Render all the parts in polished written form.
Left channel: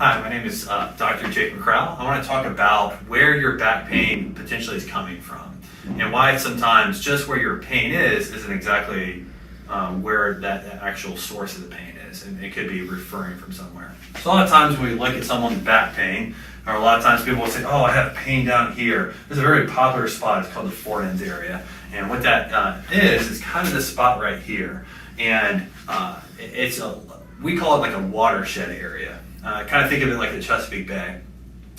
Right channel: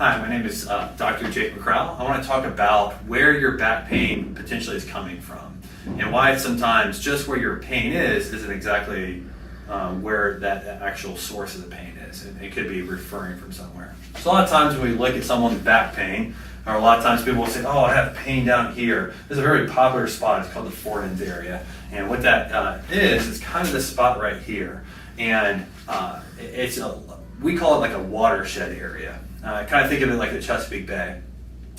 Hi, my name is Dr. McCrowell. I want to talk about where your back pain potentially is coming from and why sometimes just where your pain is isn't exactly where that actual source of the pain is. And it could be referring from somewhere. So a lot of times when we look at someone's back pain, or a lot of times people will say, oh, I have pain down here. There's a very popular spot. It's called the forends area. And what that is kind of this spot right here. And we call it like a watershed area. Kind of think of it like the Chesapeake Bay,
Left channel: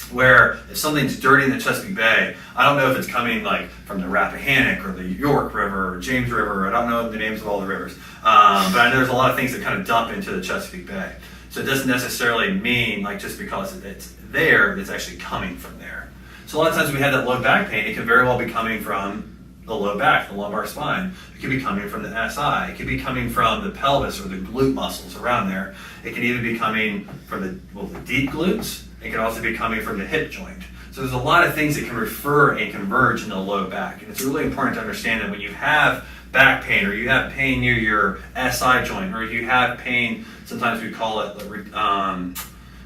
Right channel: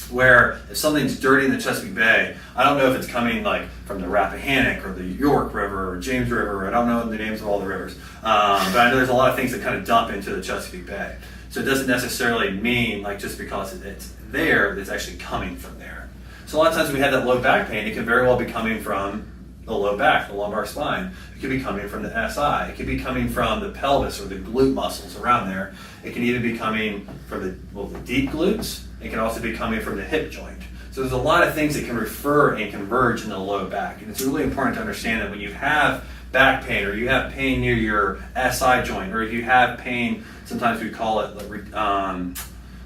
where if something's dirty in the Chesapeake Bay, I don't know if it's coming like from the Rappahannock or the York River or James River. I don't know the names of all the rivers, but I know there's a lot of things that kind of dump into the Chesapeake Bay. So it doesn't necessarily mean like just because it's there, it's actually coming from there. So a lot of times when we have that low back pain, it can very well be coming from the low back, the lumbar spine. It could be coming from the SI. It could be coming from the pelvis or the glute muscles around there. It can even be coming from the deep glutes. It can also be coming from the hip joint. So there's a lot of things that can refer and converge into the low back. And it's really important to understand that when you have back pain, or you have pain near your SI joint, or if you have pain, sometimes we call it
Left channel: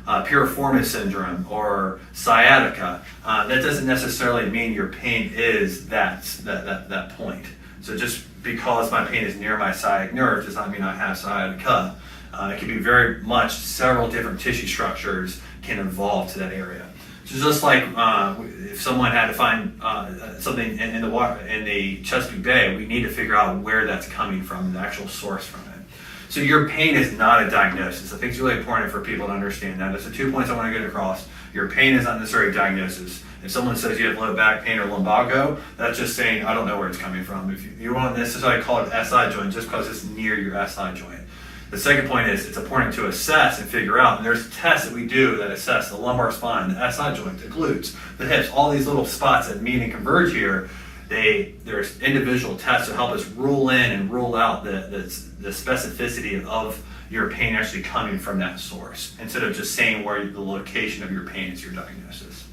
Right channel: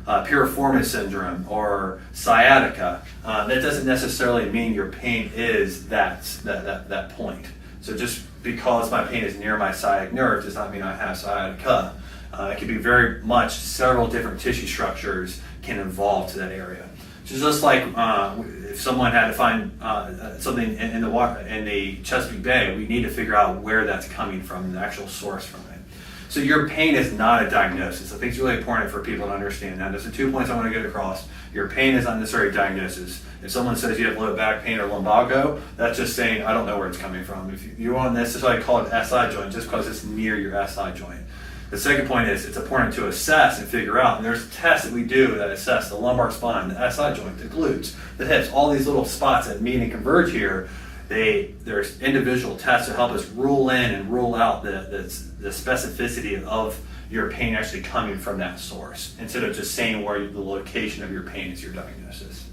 piriformis syndrome or sciatica, that doesn't necessarily mean your pain is that point. So just because my pain is near my sciatic nerve does not mean I have sciatica. It can be very much several different tissue structures can involve to that area. So just like if someone had to find something in the Chesapeake Bay, we need to figure out where that's coming from, the actual source from it. So your pain is not a diagnosis. I think it's really important for people to understand that. There's the 2 points I want to get across. Your pain is not necessarily a diagnosis. If someone says you have low back pain or lumbago, that's just saying I don't know where it's coming from. If you won't necessarily call it SI joint just because it's near your SI joint. The second point is it's important to assess and figure out, and there's tests that we do that assess the lumbar spine, the SI joint, the glutes, the hips, all these little spots that meet and converge here. There's individual tests to help us rule in and rule out the specificity of your pain actually coming from that source, instead of just saying where the location of your pain is your diagnosis.